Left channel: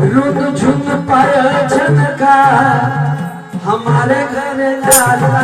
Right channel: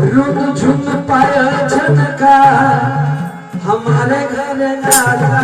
रुक पाया झटका हमारे घर लाला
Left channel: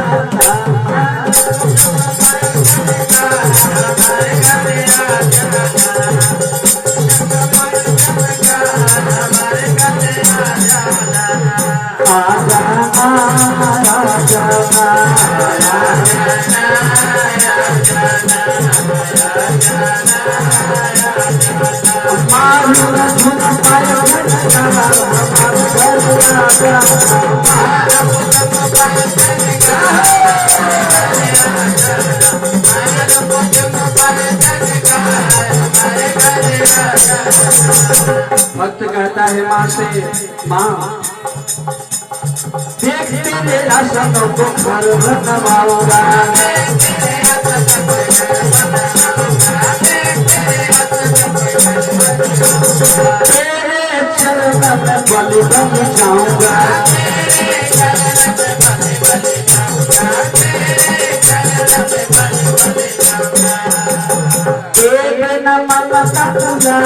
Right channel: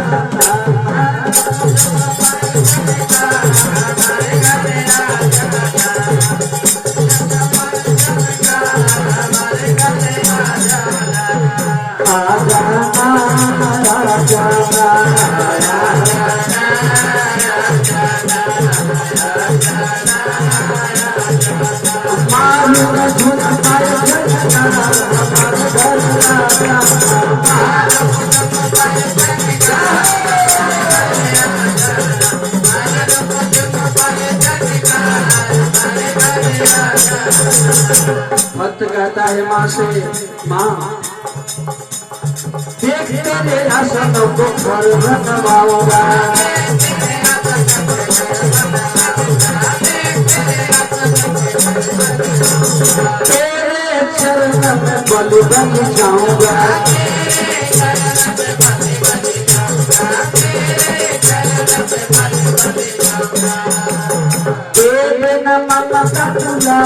भक्त कहता है माँ से माँ देख तेरे आसन को घर बनवाऊंगा बन जाऊंगा तेरे नमन कटुला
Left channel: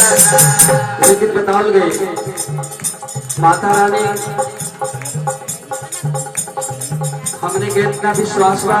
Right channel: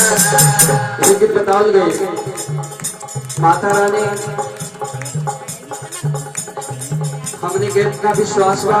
लेकिन बताओ गई माता रानी हमने के विश्वास बा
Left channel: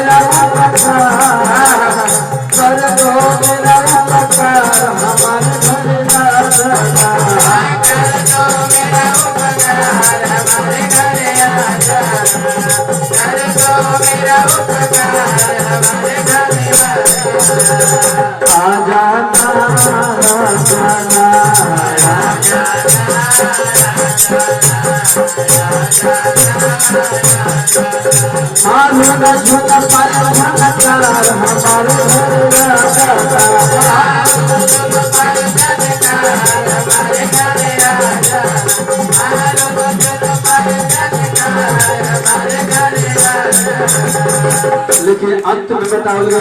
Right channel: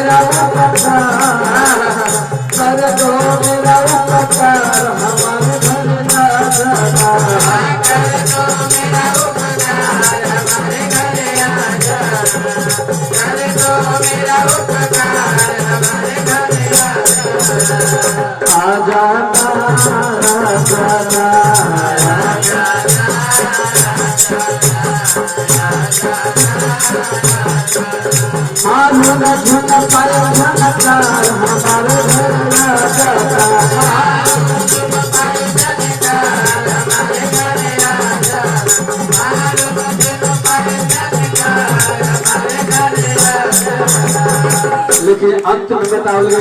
लेकिन अंत में बताओगे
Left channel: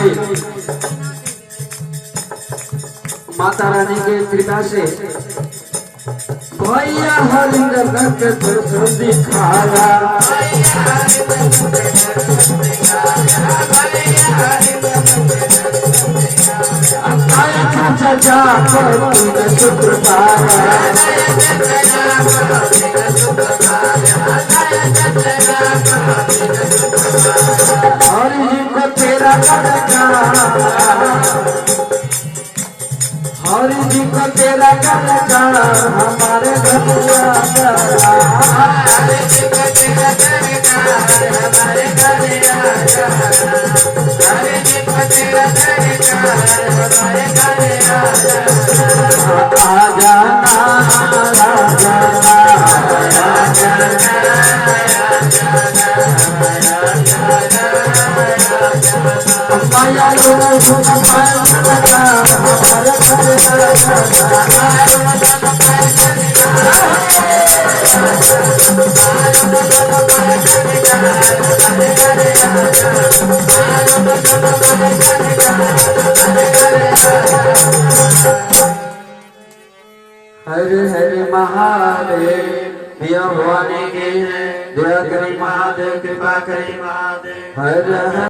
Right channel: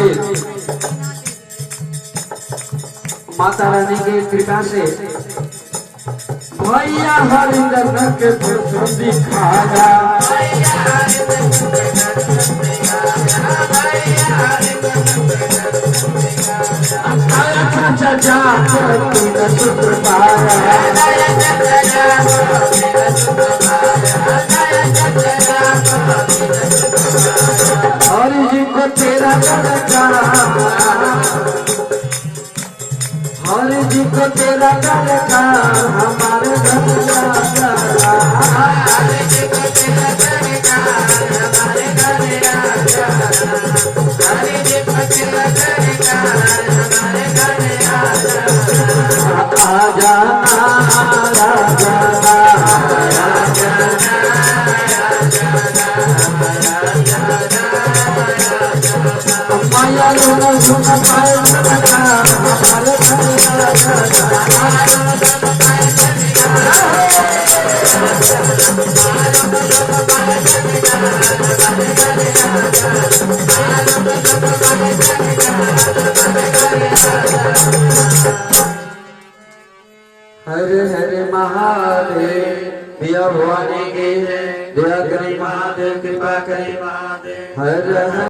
माता रानी की कृपा से भैया हरिंदर के पुत्र दिखाया आया चाचा तुम पुत्र हरि जी को तेरा लड़का हमारे घर लागा आ जाना माया हरे हरे महादेव दिया भवानी के दया करी महादेव कृपा करी महादेव। हर